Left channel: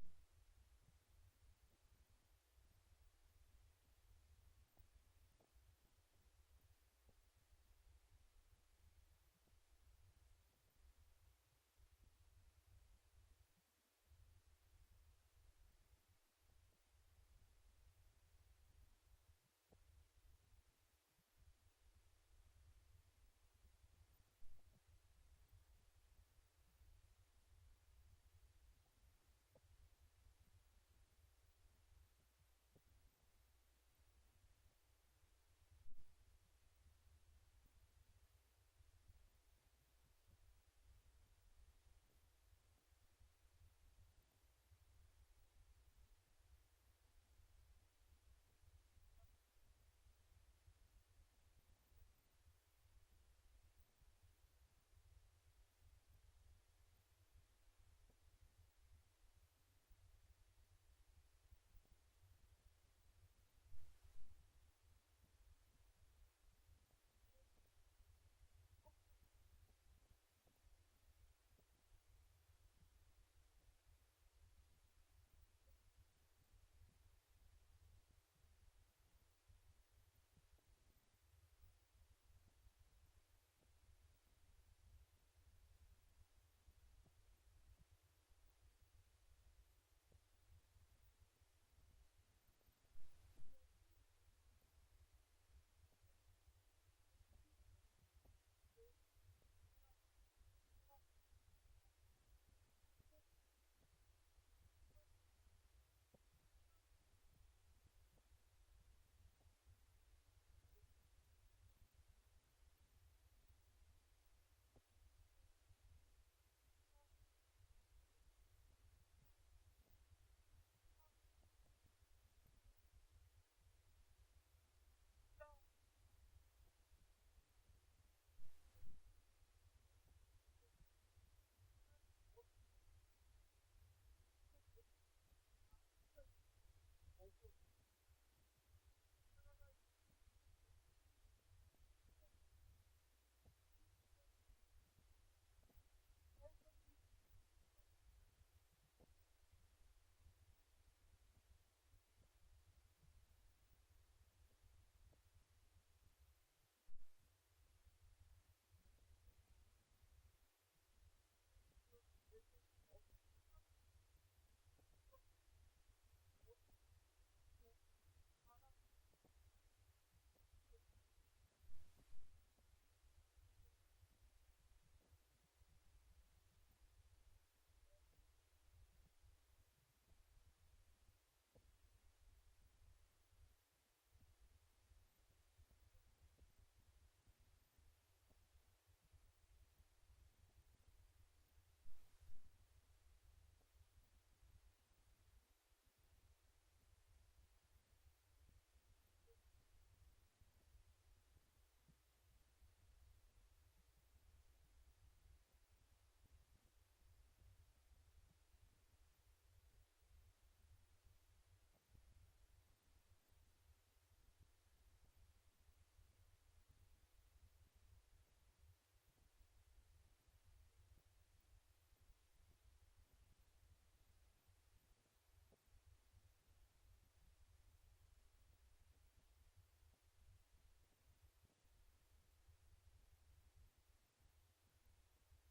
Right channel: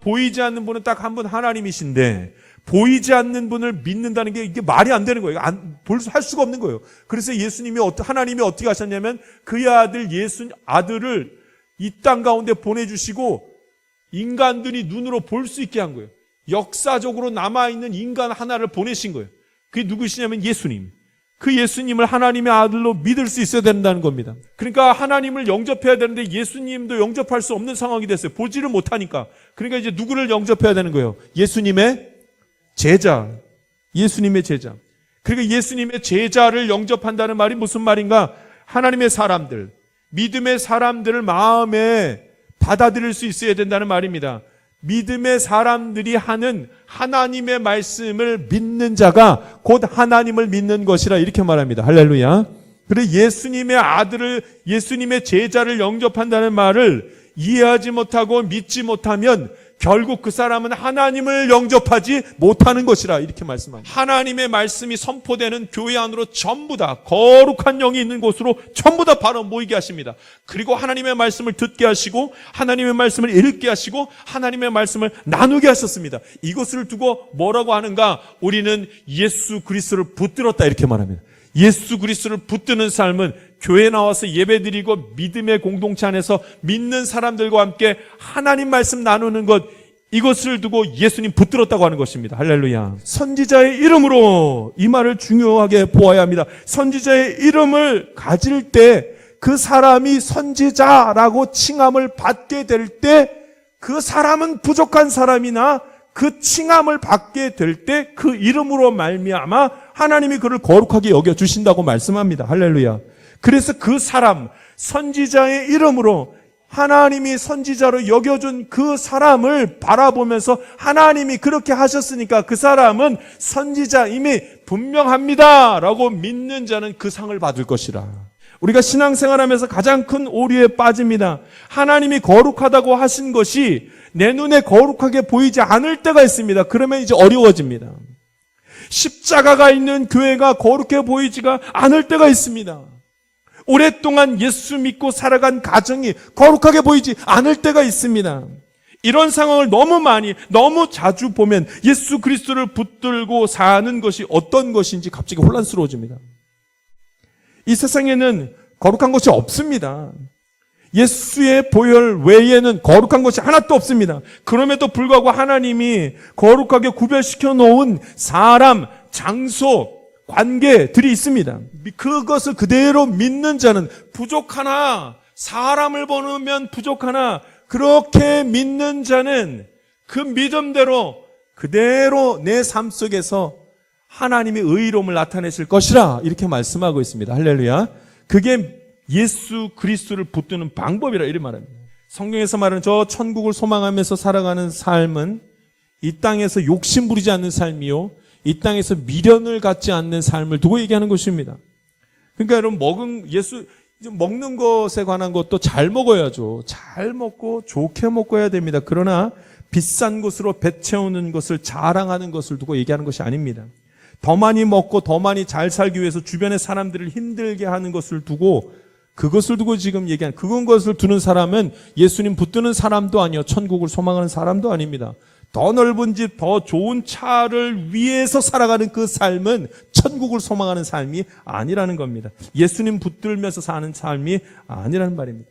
보이지 않는 분은 딱 한 분 하나님이신데 보이지 않는 분을 믿는다는 게 이게 말이 안 되는 거예요. 할 수가 없는 거예요. 그래서 하나님이 어떻게 하셨냐면 그의 아들 아들을 이 땅 가운데 보내주시고 인간들이 눈으로 볼 수 있게 한 거예요. 역사적으로 남아있는 인간 하나를 보내신 거예요. 그게 누구시냐면 예수님. 그 예수님을 하나님의 아들로 믿을 수 있어야 된다는 겁니다. 그러니까 하나님을 영접해야 되는데 예수님도 영접할 수 없는 상황이 됐어요. 보지를 못하니까. 그러니까 이제 누구를 영접해야 되는 거예요? 예수님의 제자. 예수님의 제자. 그러니까 예수님의 제자를 영접한다는 말이 무슨 말인가? 하나님의 사람들, 믿음의 사람들을 마음에 받아들일 수 있어야 된다는 말입니다. 믿음의 사람들이 하는 하나님의 말씀을 믿는 자가 곧 하나님을 믿는 것이라 이렇게 말합니다. 할렐루야. 그래 예수님의 아들을 예수님의 제자를 영접한다는 말을 이해하지 못하고 믿지 못하면 결국 그 사람은 하나님을 영접하지 못하는 것이라 이렇게 말씀합니다. 하나님의 말씀이 선포되는 교회 안으로 전부 다 거룩한 영이 있는 곳으로 전부 다 바로 모이게 하십니다. 그리고 하나님의 말씀을 듣게 하시고 하나님의 말씀을 읽게 하시고 하나님의 말씀을 나누게 하셨습니다. 이것을 두고 뭐라고 하는가? 우리는 예수 그리스도를 붙들었다 이렇게 말합니다. 예수 그리스도를 붙드는 삶은 교회에 나와서 예배드리고 믿음의 공동체 안에서 믿는 사람들과 함께 하나님 말씀 나누는 것, 이것을 두고 예수님 붙들었다고 하는 것입니다. 할렐루야. 선지자의 이름으로 이 말을 중요하게 보아야 합니다. 선지자의 이름을 가질 때 그 사람이 선지자라고 칭함을 받게 될 때 그 사람은 부족한 사람이나 그 칭함을 받게 될 때 그 이름으로 말미암아 하나님이 그를 거룩하게 여겨주신다고 말씀합니다. 할렐루야. 그래서 그 사람, 선지자의 이름으로 하나님이 선지자로 여겨준 그 사람을 바라보면서 하나님이 그렇게 하셨으니까 그 사람은 선지자임이 분명합니다 라고 믿는 자는 그 상을 받을 것이라. 우리가 신앙생활하면서 가장 큰 오류에 빠집니다. 하나님이 거룩하다고 하신 것이 내 눈에 거룩하게 보이지 않을 때가 있습니다. 그러면 이제 어려워집니다. 십자가가 있는 교회가 거룩해 보이지가 않을 때가 있습니다. 오랫동안 예수 믿고 살아간 가정이 거룩하게 보이지 않을 때가 있습니다. 이런 상황을 너무 자주 보면 예수 그리스도를 붙들고 사는 것이 어떤 것인지 갑자기 혼란스러워집니다. 이 세상에는 거룩한 것이 없습니다. 예수의 보혈 외에는 거룩한 것이 하나도 없습니다. 그럼에도 불구하고 하나님이 거룩하게 구별시켜 놓은 사람, 장소, 관계들이 있습니다. 그것을 그대로 믿는 자는 부족하나, 사람을 보면 부족하나, 그렇게 믿는 자는 그 믿음대로 그대로 내 삶 속에서 하나님의 의로움을 나타내실 것이라 이렇게 말씀하고 있습니다. 할렐루야. 그게 예수 그리스도를 붙드는 방법이라 이렇게 말합니다. 성경에서 말하는 저 천국을 소망하면서 살아가는 삶은 이 땅에서 욕심 부리지 않는 삶이요, 이 땅에서 미련을 갖지 않는 삶을 두고 얘기하는 것입니다. 그러니까 여러분 먹는 것에 관한 것도 잘 먹어야죠. 잘 먹고 좋게 먹어야 됩니다. 그러나 비싼 것으로 배 채우는 것을 자랑하는 것을 두고 얘기하는 것이 아닙니다. 더 많이 먹고 더 많이 잘 살기 위해서 주변의 사람들을 힘들게 하는 것을 두고 그것을 두고 지금 얘기하는 그것을 두는 사람은 예수님 붙드는 사람도 아니요 천국을 소망하는 사람도 아닙니다. 더 넓은 집, 더 좋은 차를 위해서 살아가는 그 삶은 천국을 소망하는 삶이 아니라는 겁니다. 예수님 붙들면서 사는 삶이 아니라는 말입니다.